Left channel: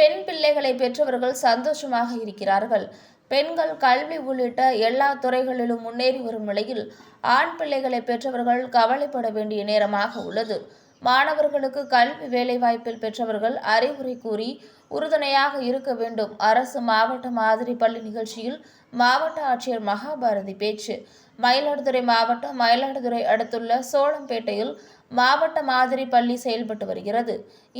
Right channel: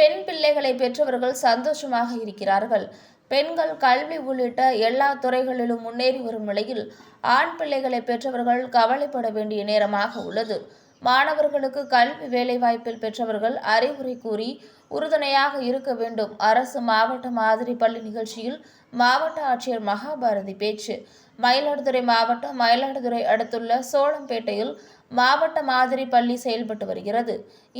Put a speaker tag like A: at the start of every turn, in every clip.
A: பெண் பிள்ளைகளை பெற்றவர்கள் சந்தோஷமாக இருக்கிறார்கள். பெண்கள் கல்வி உள்ளிட்ட எல்லா துறைகளிலும் முன்னேறி வரும் நிலையில் ஆண் பிள்ளைகளை பெற்றவர்கள் கவலைப்பட வேண்டிய நேரமாக உள்ளது. மாணவர்களுக்கு கல்வி வேலைவாய்ப்பில் பெற்றவர்கள் அறிவுரை கூறி உறுதுணையாக இருக்க வேண்டும். அரசு மாவட்ட மாதிரி பள்ளி நிகழ்ச்சியில் மாவட்ட ஆட்சியர் மகாபாரதி பேச்சு. மயிலாடுதுறை மாவட்டம் மயிலாடுதுறை அடுத்துள்ள சோளம்பேட்டையில் மாவட்ட மாதிரி பள்ளி செயல்பட்டு வருகிறது.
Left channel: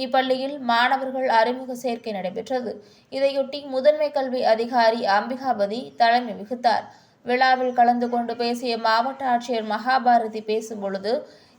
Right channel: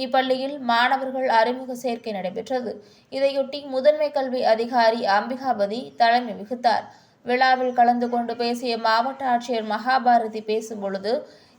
A: இப்பள்ளியில் மாணவர்கள் அறிமுக சேர்க்கை நடைபெற்றது. இதையொட்டி முதன்மை கல்வி அதிகாரி அம்பிகாபதி தலைமை வகித்தார். விழாவில் கலந்து கொண்டு பேசிய மாவட்ட ஆட்சியர் மகாபாரதி பேசும்பொழுது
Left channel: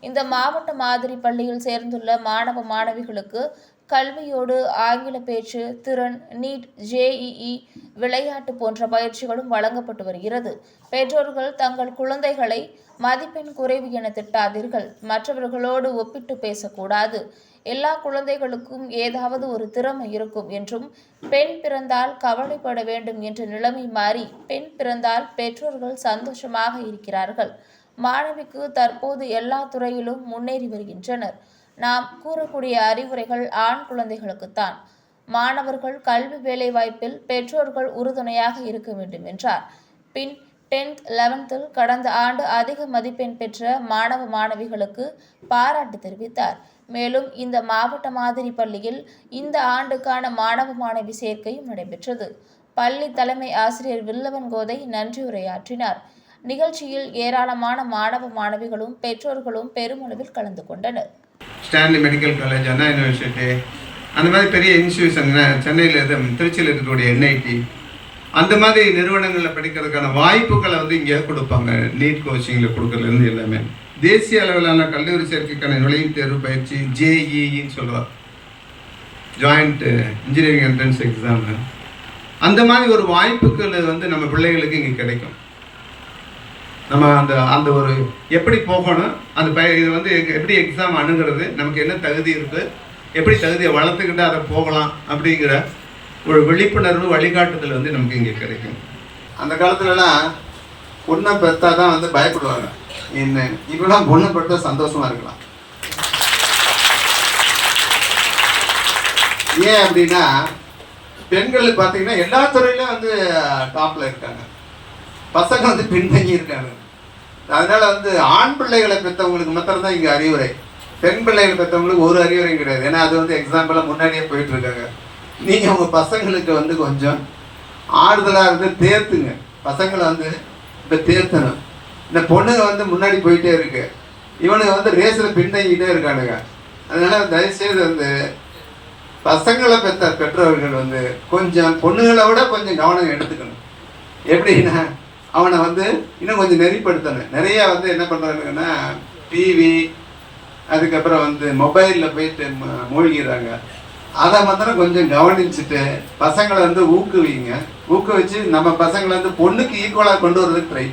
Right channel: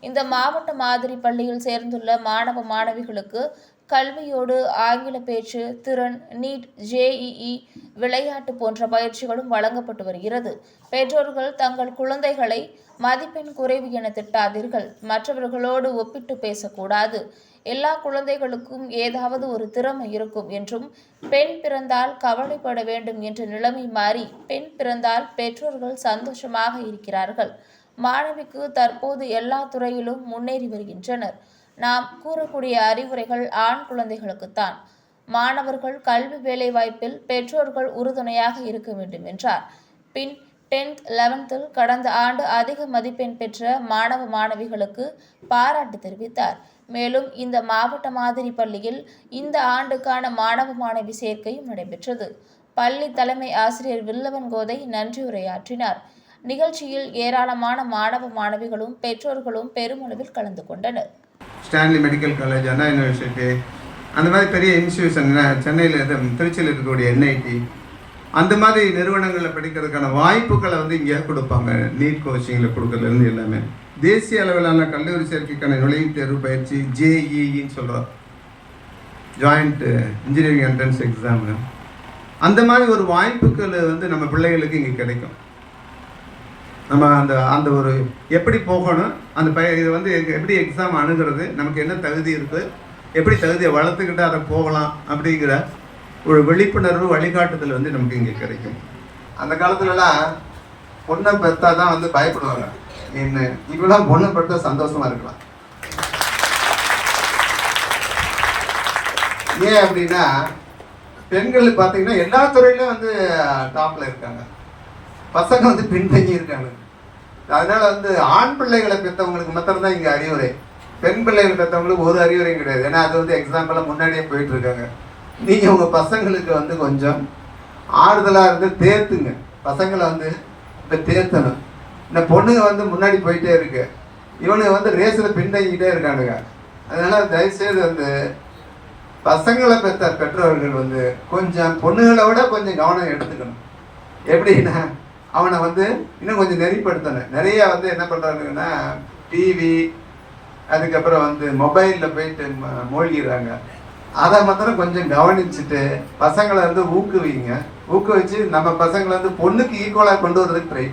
A: இந்த மாவட்ட மாதிரி பள்ளியில் சேர்ந்துள்ள மாணவ மாணவிகளுக்கு கல்வியோடு ஆங்கில பேச்சு திறன் நீட் ஜேஇஇ விளையாட்டு போன்ற பயிற்சிகளும் வழங்கப்பட்டு வருகிறது. பெற்றோர்கள் தங்கள் குழந்தைகளை மதிப்பெண் குறைவு என திட்டாதீர்கள். மற்றவர்களோடு ஒப்பிட்டு பேசக்கூடாது. எல்லா குழந்தைகளுக்கும் ஏதாவது ஒரு திறமை இருக்கும் என்றும் பெண் பிறந்தால் கவலைப்பட வேண்டும் என்ற நிலைமை மாறி பெண் பிறந்தால் பெற்றோர்கள் சந்தோஷமாக இருக்கிறார்கள். மாணவிக்கு தற்போது எல்லா துறையிலும் முன்னேறி வருகின்றனர். நாம் கூறக்கூடிய அறிவுரைகள் ஆண் குழந்தைகளுக்குத்தான். மாணவர்கள் கல்வி வேலைவாய்ப்பில் பெற்றோர்கள் உறுதுணையாக இருக்க வேண்டும் என்றார். பின் டென்த் லெவன்த்தில் கடந்த ஆண்டு அதிக மதிப்பெண் பெற்ற மாணவ மாணவிகளுக்கு பாராட்டு தெரிவித்தார். மேலும் இந்த மாவட்ட மாதிரி பள்ளியில் இந்த ஆண்டுக்கான மாணவ மாணவி சேர்க்கையும் நடைபெற்றது. பள்ளி தலைமை ஆசிரியர் வில்லவன் கோதை நன்றியுரையாற்றினார் நிகழ்ச்சியில் ஏராளமான மாணவ மாணவிகளும் பெற்றோர்களும் பெருமளவில் கலந்து கொண்டனர்.
B: Stanley medical college Anna university அந்த மாதிரி பெரிய இன்ஸ்டியூஷன் சென்னையில் இருந்து திருச்சியில் இருக்கக்கூடிய என்ஐடி அந்த மாதிரி நிறுவனங்களில் படிக்கிறதுக்கான வாய்ப்புகளை வந்து இங்கே கொடுப்பாங்க. நீட் கோச்சிங்கில் கொடுக்கறதுலேருந்து எல்லாமே. தேசிய அளவிலான கல்லூரி சேர்க்கைக்கான நுழைவுத் தேர்வு பயிற்சி ஜேஇஇன்னு சொல்கிறோம் ஜாயிண்ட் இன்ஜினியரிங் என்ட்ரன்ஸ் எக்ஸாமு அந்த மாதிரி ஒரு வாய்ப்புகள் வந்து நம்ம பிள்ளைகளுக்கு இங்கே கிடைக்கும். நம்ம அந்த அந்த ஒரு எப்படி போகணும் அந்த பய இது வந்து எப்படி எக்ஸாம் அணுகிறது நமக்கு என்ன தகுதி இருக்குது எப்படி தகுதியை வளர்த்துக்கிட்டு அதை போகலாம் அப்படிங்கிற ஒரு விழிப்புணர்வு வழிகாட்டுதல் வந்து நமக்கு இங்கே கிடைக்கும். அந்த காலத்துலலாம் பொண்ணை பெற்றா தான் வந்து பயப்படுவாங்க. என்ன இப்பெல்லாம் பொண்ணு பெற்றா சந்தோஷமா இருக்கலாம். ஏன் அப்படின்னா பெண்கள் பார்த்தீங்கன்னா எல்லா துறையிலும் வந்து டாப்ல இருக்காங்க. பசங்க வந்து பின்தங்கி இருக்காங்க. அதனால வந்து ஆண் பிள்ளைகளை பெற்றவங்களுக்கு மாத்திரம்தான் தான் அறிவுரை. பெண் பிள்ளைகளை பெற்றவங்களுக்கு ஒரு அறிவுரையும் கிடையாது. ஏன்னா அது வந்து எக்ஸாம்பிளாக முன்னாடியே போயிட்டு இருக்காங்க உங்கள் பசங்களுக்கு வந்து கொஞ்சம் ஆறுதலாக இருந்து தேர்த்துங்க. பசங்களை வந்து இப்போ தேர்த்தணும். இந்த பொண்ணுங்க வந்து முன்னாடி போயிட்டே இருக்கு. இவனுங்க வந்து ரேஸில் பின்தங்கிட்டே இருக்கானுங்க. அதனால தயவுசெய்து வந்து பசங்களை பெற்ற பெற்றோர்கள் வந்து கொஞ்சம் பொண்ணுங்களை விட கொஞ்சம் கவனம் எடுத்துக்கணும். எப்படின்னா அவனை வந்து இன்னும் கொஞ்சம் நெறிப்படுத்தணும் நிறைய வந்து என்ன பண்ணுறாங்கன்னா டிவி அதுக்கப்புறம் வந்து மொபைலில் போயிட்டு ம- மூழ்கிறாங்க. அதை மாத்திரம் கொஞ்சம் கவனிச்சுட்டு பசங்களை வந்து ஊக்குவிங்க. ஊக்குவிச்சு நம்ம பசங்களை வந்து பொண்ணுக்கு ஈக்குவலாக கொண்டு வரதுக்கு ட்ரை